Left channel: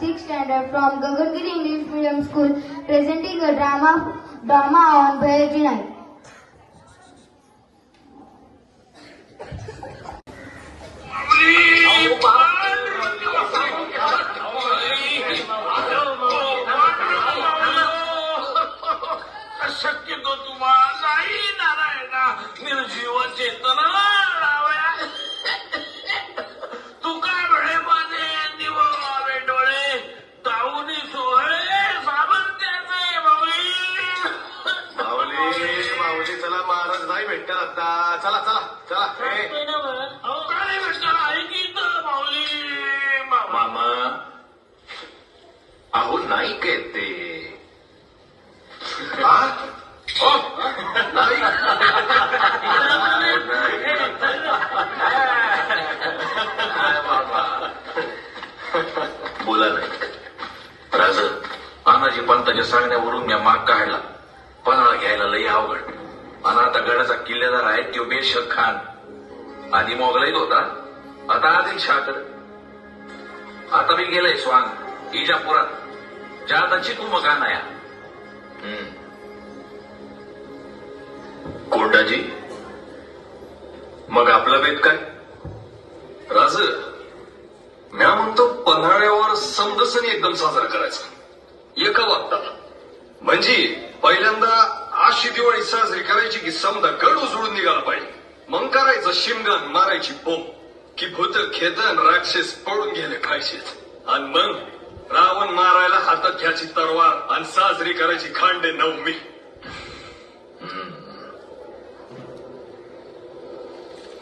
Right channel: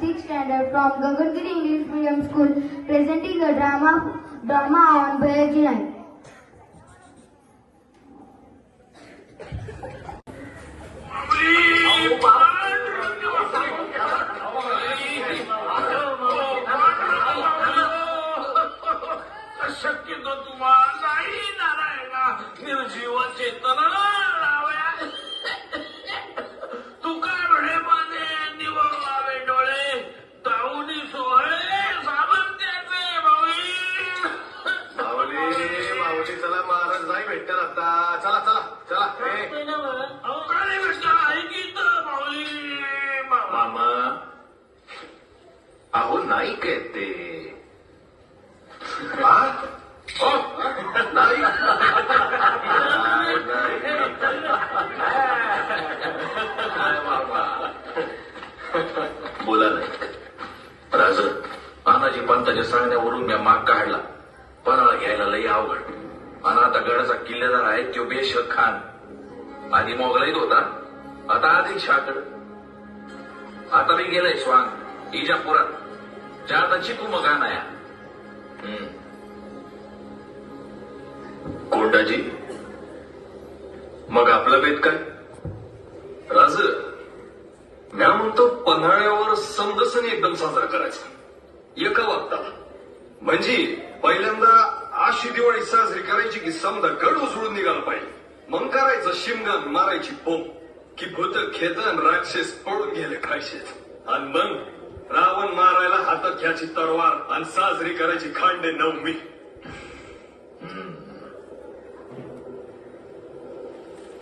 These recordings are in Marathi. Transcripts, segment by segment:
6th standard from Gagangiri English Medium School, presenting a drama on Bhayaji Naik. शक्यतो तुम्हाला नारायणा निर्जीव चेतना तू काय म्हणे माझे निवडणारे डोळे ताऊनी सोहळे सामर्थ्याचे माऊली माऊली माऊली चला महाराज नाही भेटतात आता. चला चला चला काय भेटणार ऐकित माऊली मामा अहो नाही ते बोला नाही राज तानाजी पंताच्या सांगण्यावरून या माग काढला पन्हाळा घ्यायला लई अवघड आणि आता गडाचा किल्लेदार आहे तो बेशक खान आधी मोगलाईत होता आता आधी शाकड आता मी गेलाय स्वांग इजापुरात चारची तू मग नाही कोंडाजी मग आपला बेत काय राज म्या म्हणतो पन्हाळ्यावर समदसनी एकदम साजरा करायचा एका वागताला म्हणजे पहिल्यांदा अशी दिवाळी साजरी करायची की समजा गड उचळून निघाला पाहिजे मग करायचं शिमगण मारायची पोप की भूत खेतन राक्षस पडून गेले खायचेच आणि मग रावण मारायला हातात घ्यायची तरवार आणि साजरी करायची खांडे नवमी.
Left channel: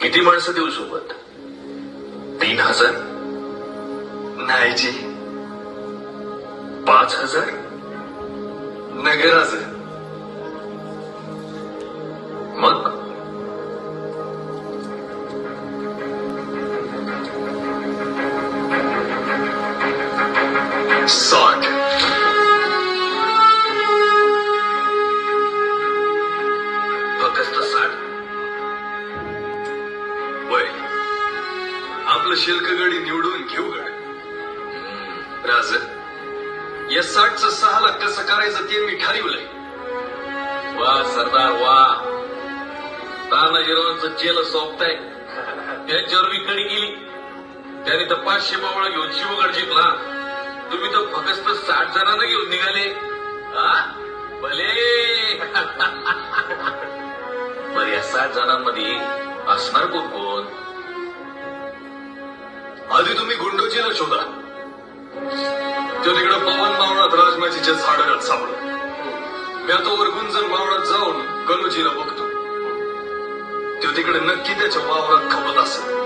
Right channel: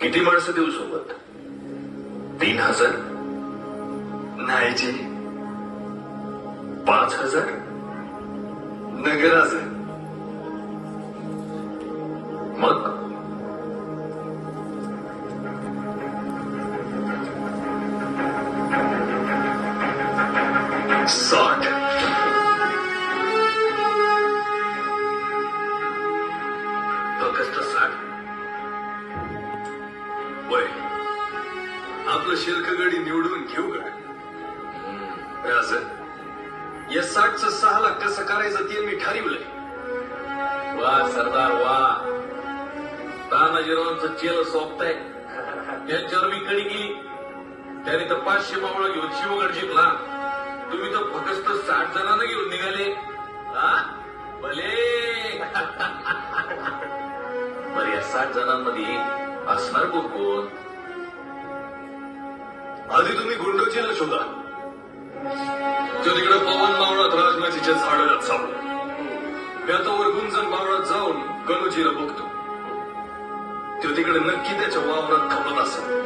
किती माणसं देऊ सोबत 3000 नाही जी 5000 नगराचं मग साठ फक्त 60 वय आपलं शिल्कगडी निवडून घेऊ गड राज या 60चं 6 लाख कसं करायचं ते मी ठरवलंय. वा सरदार वा तानाजीरावांचं चेल सोपताय त्यांच्यावर मी कडी गेली त्याने तर 500 बावळा घेऊन शिवगड जिंकला तुम्ही तर फक्त 60 जणांना घेऊन निघाले भले बरं या 60 जणांमध्ये असणार कोण आधी तुम्ही गुंडोजीला शोधा तो तिकडे पवन मावळात राजमाजीच्या झाडात सापडतो मी आता वर गुंजन मावळात जाऊन गणूजीला बघतो तो तिकडे नक्की त्याच्या वावरात खपत असेल